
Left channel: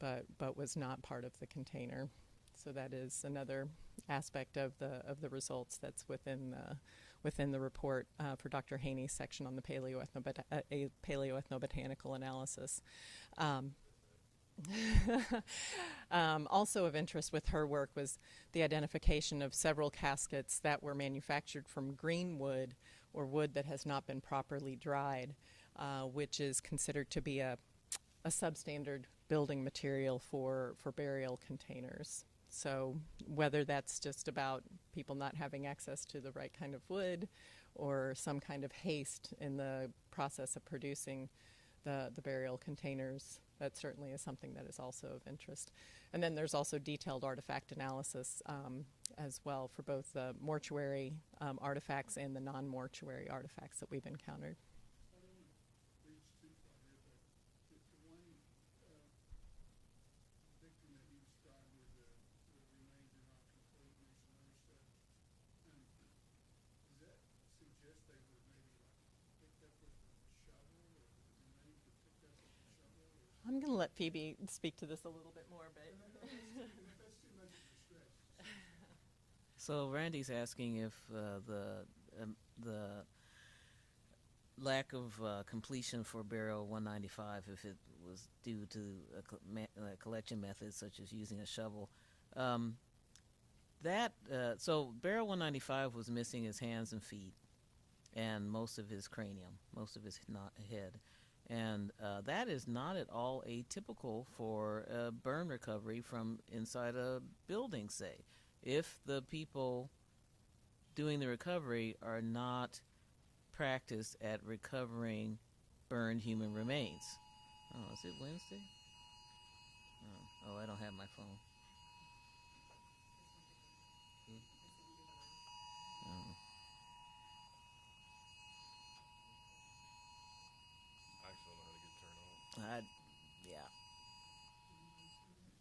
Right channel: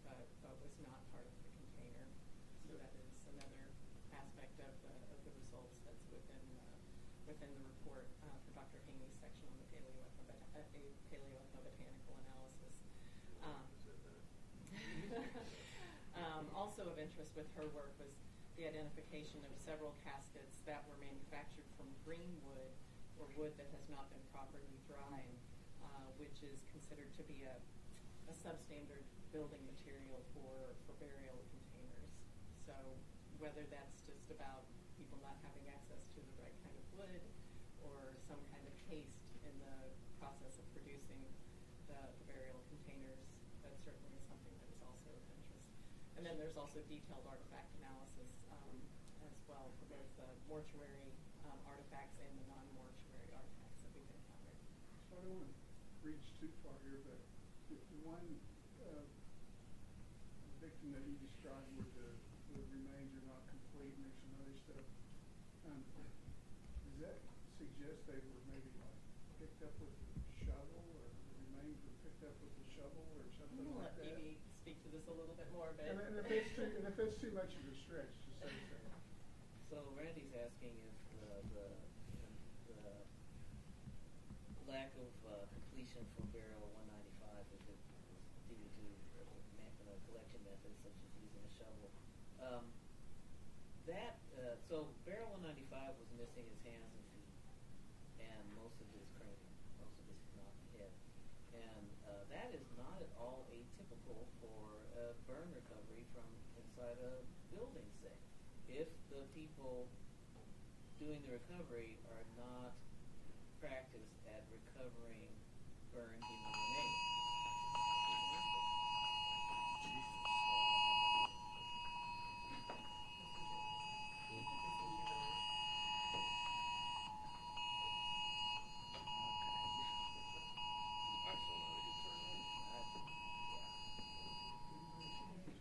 but was not part of the container. So that is another aspect of the results that's within the report for Dr. Haney's section on the paleoethnobotanical analysis. Also of interest with her work was the identification of several caskets that were manufactured from greenwood, or wood that has not been properly dried, which is considered to be a substandard building material for burial containers. So whether that's just about people not having access to the right kind of wood or some kind of haste in the process of producing the burial containers, that certainly is something that is also of interest. And then there's also detailed artifact analysis as well for both the mortuary artifacts and the non-mortuary artifacts that we've encountered. So I don't want to reach too far here, but the one victim that you described where the remains are not complete and there's some other stuff, does that suggest they were maybe like picked up with a shovel, or the remains were picked up with a shovel or something? I'm going to let like that? Phoebe speak to this a little bit more. But And if it's too much of a stretch to say so. So Randy's asking if the lack of completion for burial 195, if it was due to a collection method such as using a shovel. So burial 195 was missing his hands and feet and most of his cranium, most of his head. And that is not at all atypical for a burn recovery from inside a building, say. If the people doing the recovery are not practiced at recovering burned human remains. Oh, is it Wednesday? Oh, I don't have my phone.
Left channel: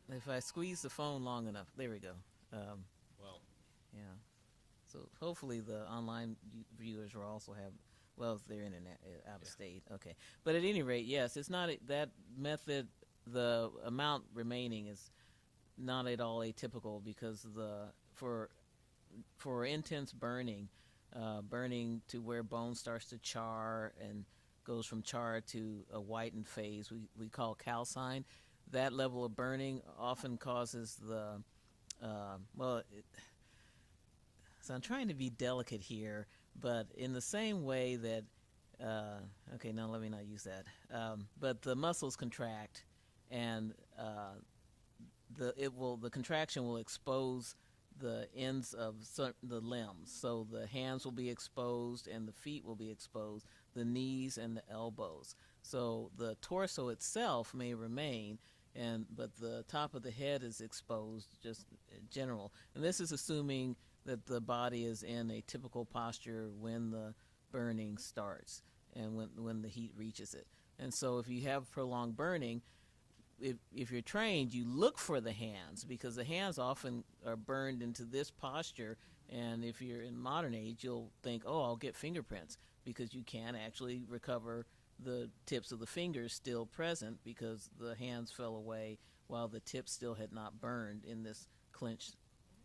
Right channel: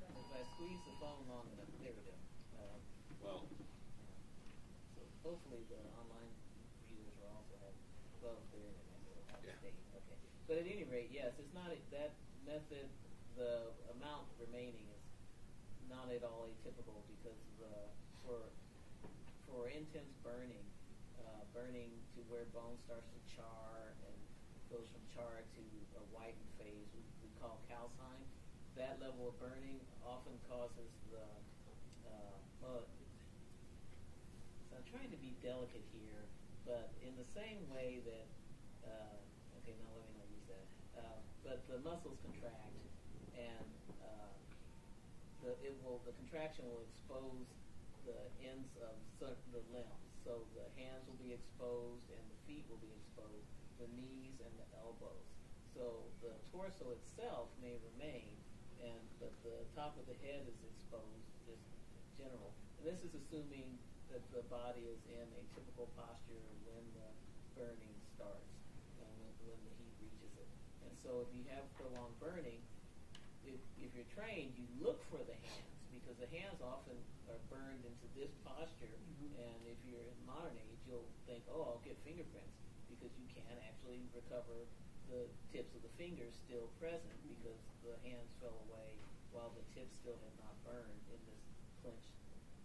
Yeah. If I squeeze the phone long enough, there we go. Well, Yeah. So hopefully the online viewers will also have, well, if they're internet out of state. Okay. But at any rate, yes, it's not that method. The amount remaining is not at all atypical because for intense burning, burning to where bone starts to char and goes from char to a whitened phase, we call calcine. That level of burning often causes so I'm trying to be delicate here, but in the same way that, okay, no, let me not use that. But the muscles contract, and the contraction will expose the ends of the limbs. So the hands will be exposed, and the feet will be exposed, the knees and the elbows. So the torso itself may remain, but the top of the head is exposed, just in general. And this is assuming that the body is in a typical posture when the burning starts and when the heat reaches it. And so if you have prolonged burning, if you're trained, you look for the hands, because the hands often are burned into this posture. And if you're in modern age, you'll think, oh, I'll get fingerprints, because you can actually recover the tips of the fingers still present because the hands fell away while the tips still had not burned in this clenched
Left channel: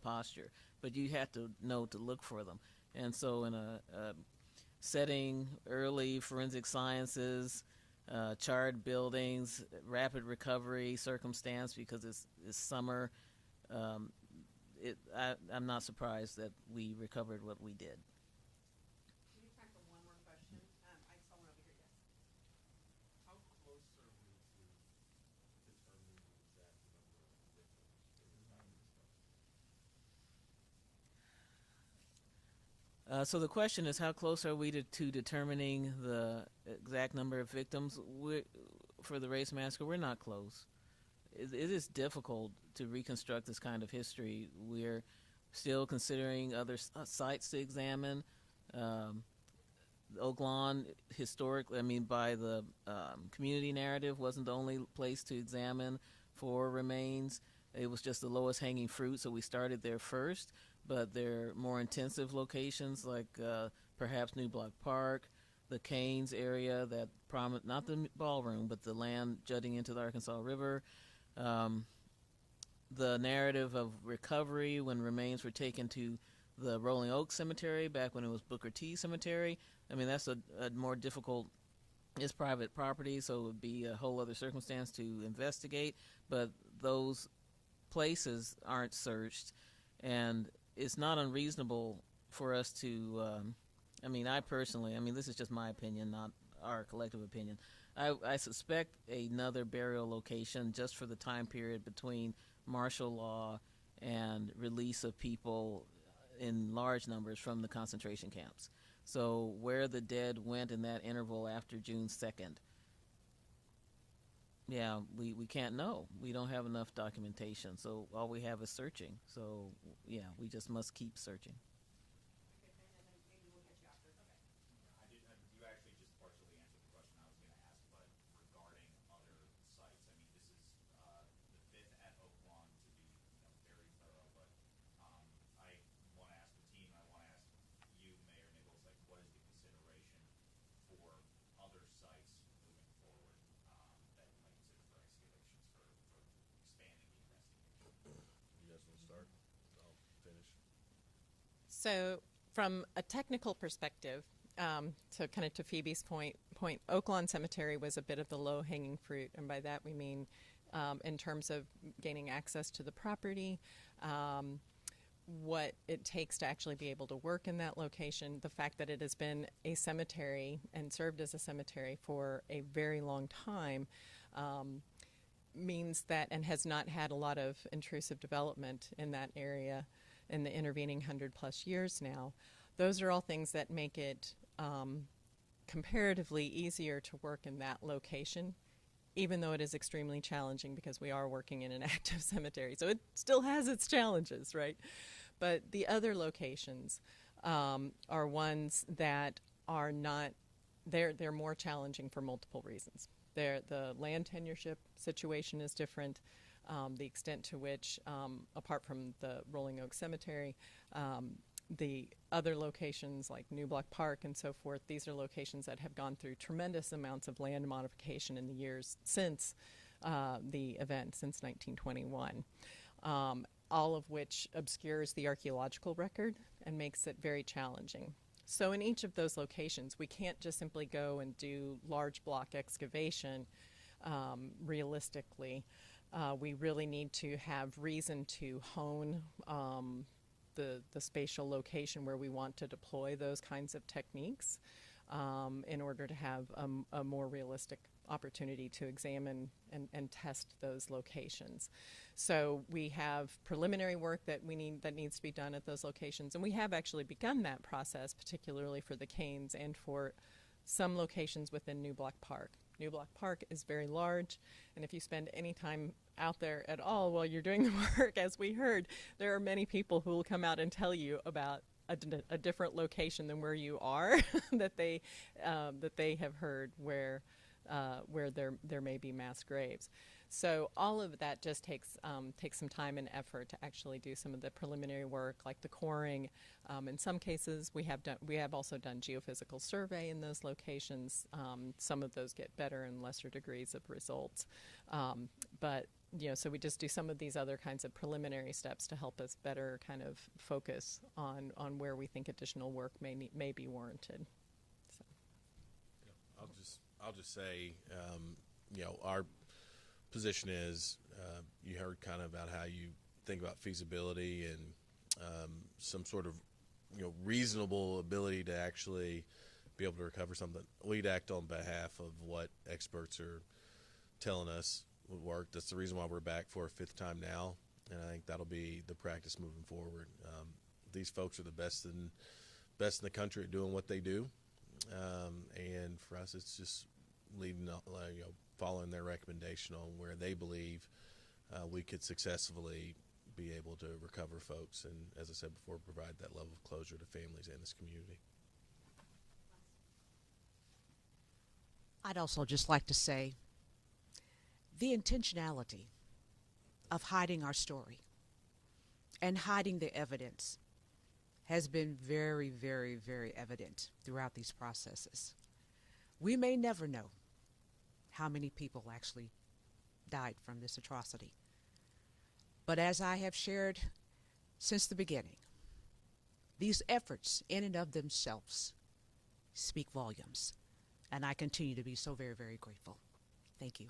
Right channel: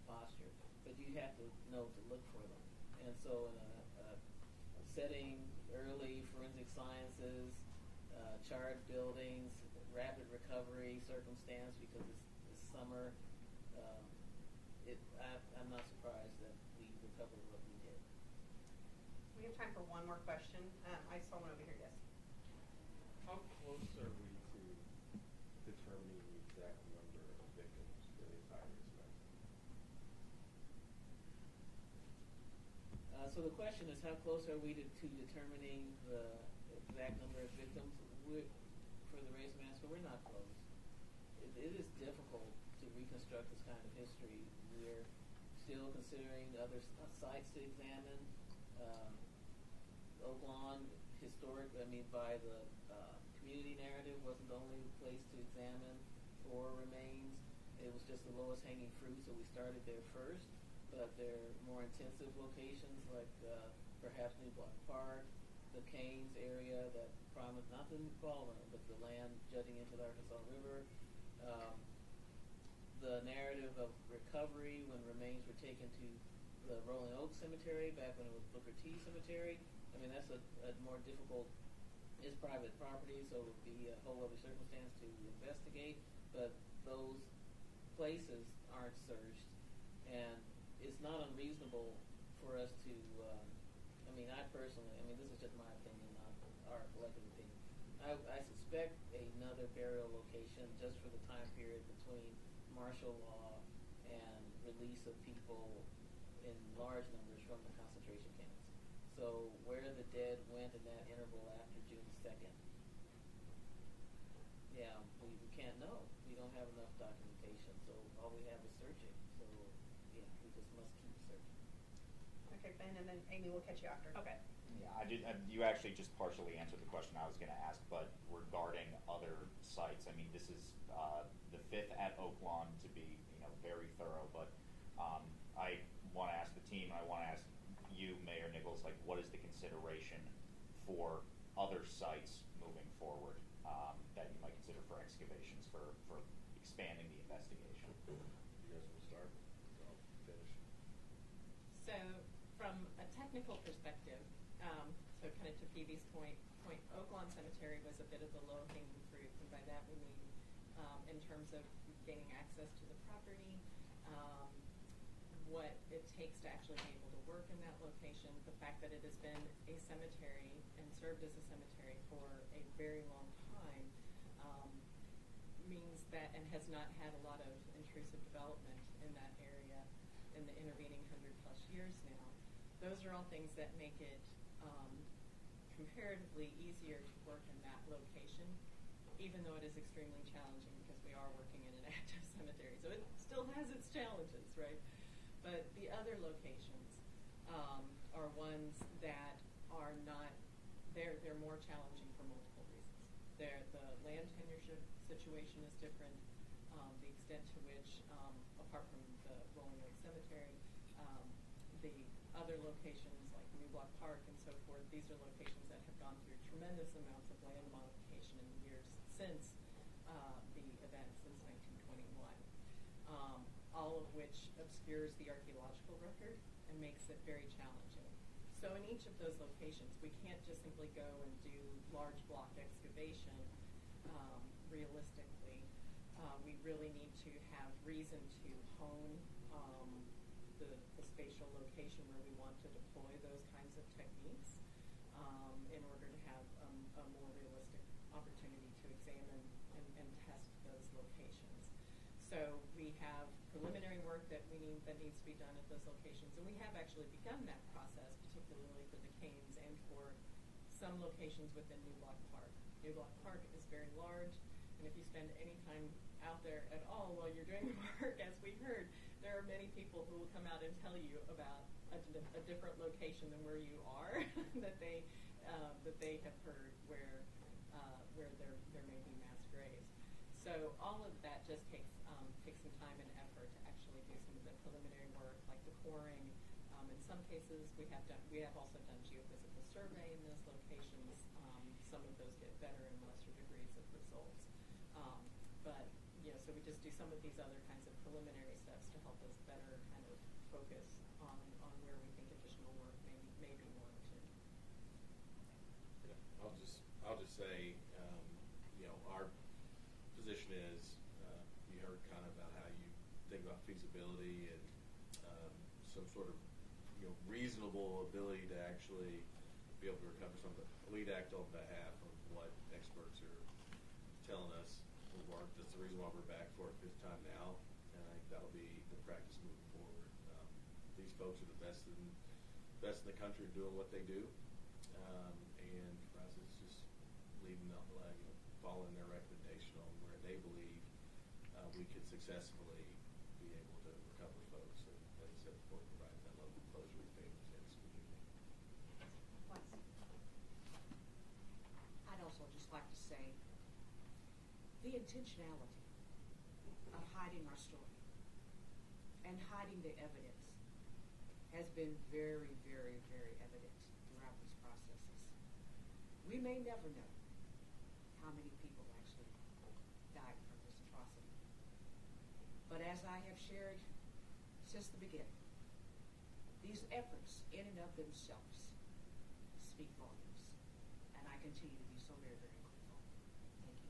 posture. But you have to know to look for them. And so in a setting, early forensic sciences, charred buildings, rapid recovery circumstance, because it's summer, I'm not surprised that we recovered what we did. We have time for one more question. I saw one over here, yes. How close are we to determining the exact number of victims for the entire semester? So the question is, how close are we to determining the exact number of victims? For the race massacre, we're not close. It is difficult to reconstruct this kind of history. We're still considering other sites to examine. Oaklawn, historically, by the community narrative, wasn't the only place to examine for remains. It was just the lowest hanging fruit, so we started there first. But there are more intensive locations like perhaps New Block Park, the Canes area, that not the ballroom, but the land jutting into the Arkansas River. The narrative of recovery when remains were taken to the Rolling Oak Cemetery back when it was Booker T Cemetery. That's a more difficult. It's private property, so it would be a whole other circumstance to investigate. But those places aren't searched, and it's not unreasonable for us to, I personally, this is just my opinion, not our collective opinion. I suspect another burial location just for the time period between martial law and release of people in large numbers from the concentration camps. So where the dead went in that interval after June 2nd, we can't know. We don't have enough documentation, so all we have is searching. So yeah, we just must keep searching. Okay, Ben, and then Amy will catch you after. Okay. Yeah, you actually just partially answered the question I was going to ask, but regarding other sites, I mean, this is the fifth at Oaklawn to be, very thorough, but I want to ask the team, I want to ask you, Mayor Nichols, like, what is the consideration for other sites moving forward that you might consider for excavations, for expanding the investigation? You guys want to start? I'll finish. So from a technical perspective, so kind of to Phoebe's point, Oaklawn Cemetery was a bit of the low-hanging fruit, and by that we mean in terms of gaining access to the property, what it takes to actually be able to work in that location, the fact that it has been a cemetery and served as a cemetery for a very long time means that, and has not had a lot of intrusive development in that area in the intervening 100+ years now. Those are all things that make it comparatively easier to work in that location, even though it is extremely challenging because we are working in an active cemetery. So it still has its challenges, right? But the other locations are ones that are not, they're more challenging for multiple reasons. The land tenureship situation is different. The extent to which, apart from the Rolling Oak Cemetery, the other locations like New Block Park and so forth, these are locations that have gone through tremendous amounts of land modification in the years since the event, since 1921, all of which obscures the archaeological record and makes it very challenging. So in each of those locations, we can't just simply go and do large block excavation realistically. We really need to have reason to hone the spatial location where we want to deploy those kinds of techniques in order to have a more realistic opportunity to examine and test those locations. So we have preliminary work that needs to be done at those locations, and we have actually begun that process, particularly for the canes and for some locations within New Block Park. New Block Park is very large, and if you spend any time out there at all while you're doing the work, as we heard, there are many people who will come out and tell you about a different location than where you are that they have heard where there may be mass graves. So all of that just takes some time and effort to actually do some of the preliminary work, like the coring. In some cases, we have also done geophysical survey in those locations. Some of those get better and lesser degrees of results, but so we just do some of these other kinds of preliminary steps to help us better kind of focus on where we think additional work may be warranted. So. I'll just say, our position is, you heard kind of about how you think about feasibility and some sort of reasonable ability to actually be able to recover something. We'd act on behalf of what experts are telling us would work. That's the reason why we're back for a 5th time now, and I think that'll be the practice moving forward. These folks are the best in the country at doing what they do, and for us, it's just leading up, following their recommendation on where they believe we could successfully be able to recover folks, and as I said before, provide that level of closure to families and this community. I'd also just like to say the intentionality of hiding our story and hiding the evidence has been very, very, very evident throughout these processes. We may never know how many people actually died from this atrocity. But as I have shared since the beginning, these efforts in and of themselves speak volumes. And I continue to be so very, very grateful. Thank you.